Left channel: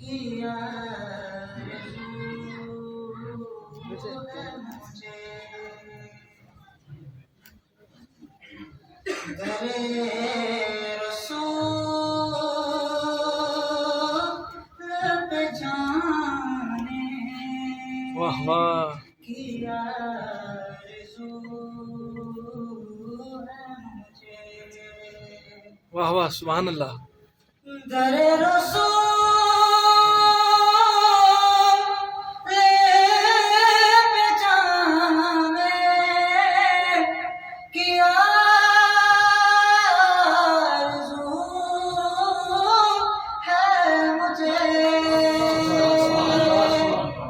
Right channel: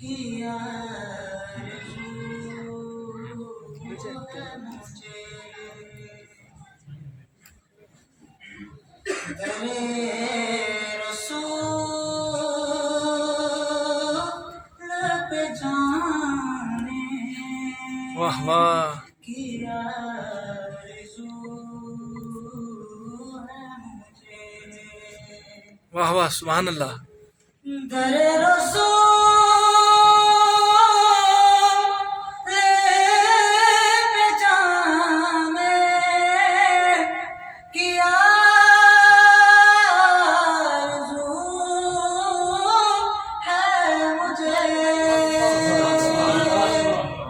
کیا مجھے درے رسول پہ جانے واہ واہ کیا آرزو ہے مجھے واہ واہ سبحان اللہ درے رسول پہ جانے کیا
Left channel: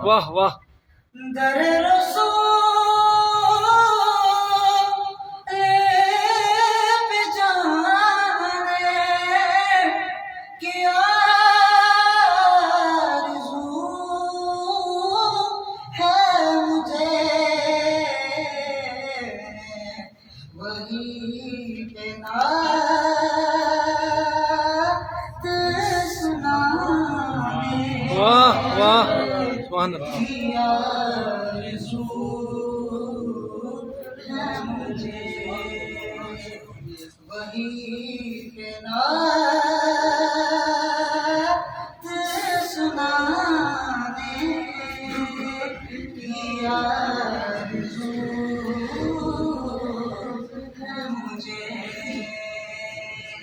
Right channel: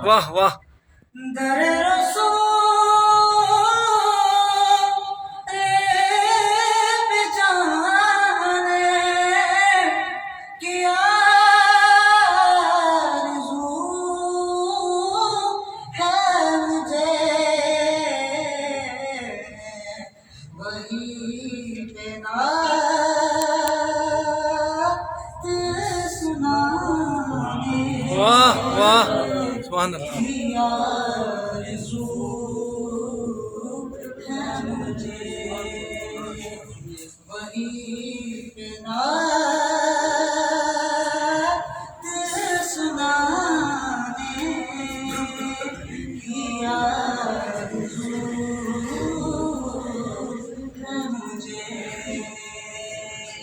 واہ واہ در رسول پہ جانے کیا آرزو ہے مجھے وہی پہ نعت سنانے واہ واہ سبحان اللہ کی آرزو ہے مجھے وہی پہ نعت سنانے کی آرزو ہے مجھے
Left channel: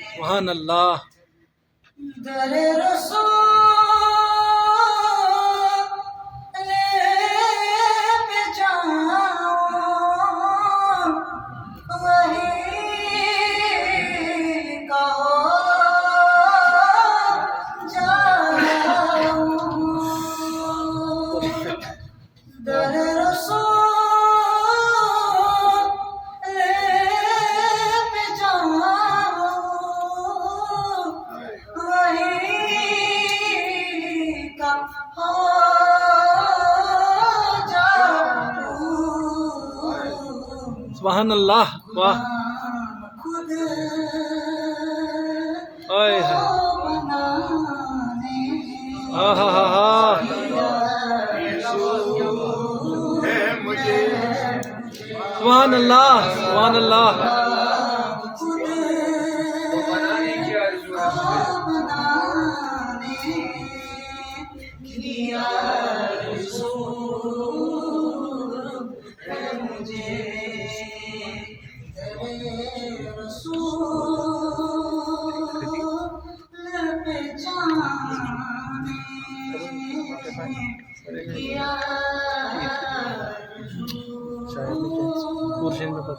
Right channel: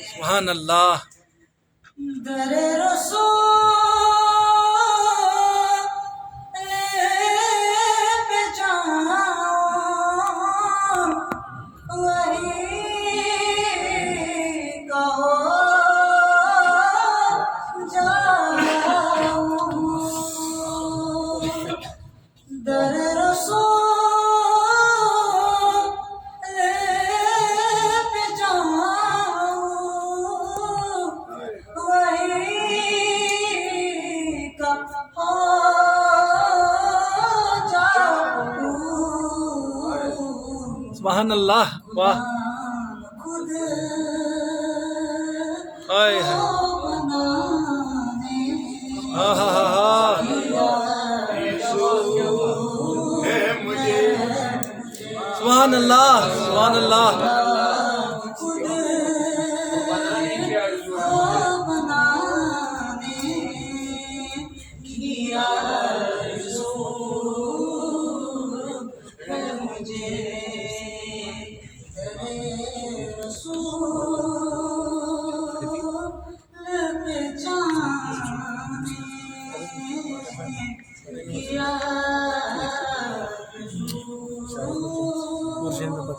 سبحان اللہ در رسول پہ جاؤں وہی کہو جاؤں در رسول پہ جاؤں وہی کہو جاؤں سبحان اللہ واہ خود آئے ہے بنانے ہاں ہاں ہاں سبحان اللہ سبحان اللہ خود بنانے کی آرزو ہے مجھے در رسول پہ جانے کی آرزو ہے مجھے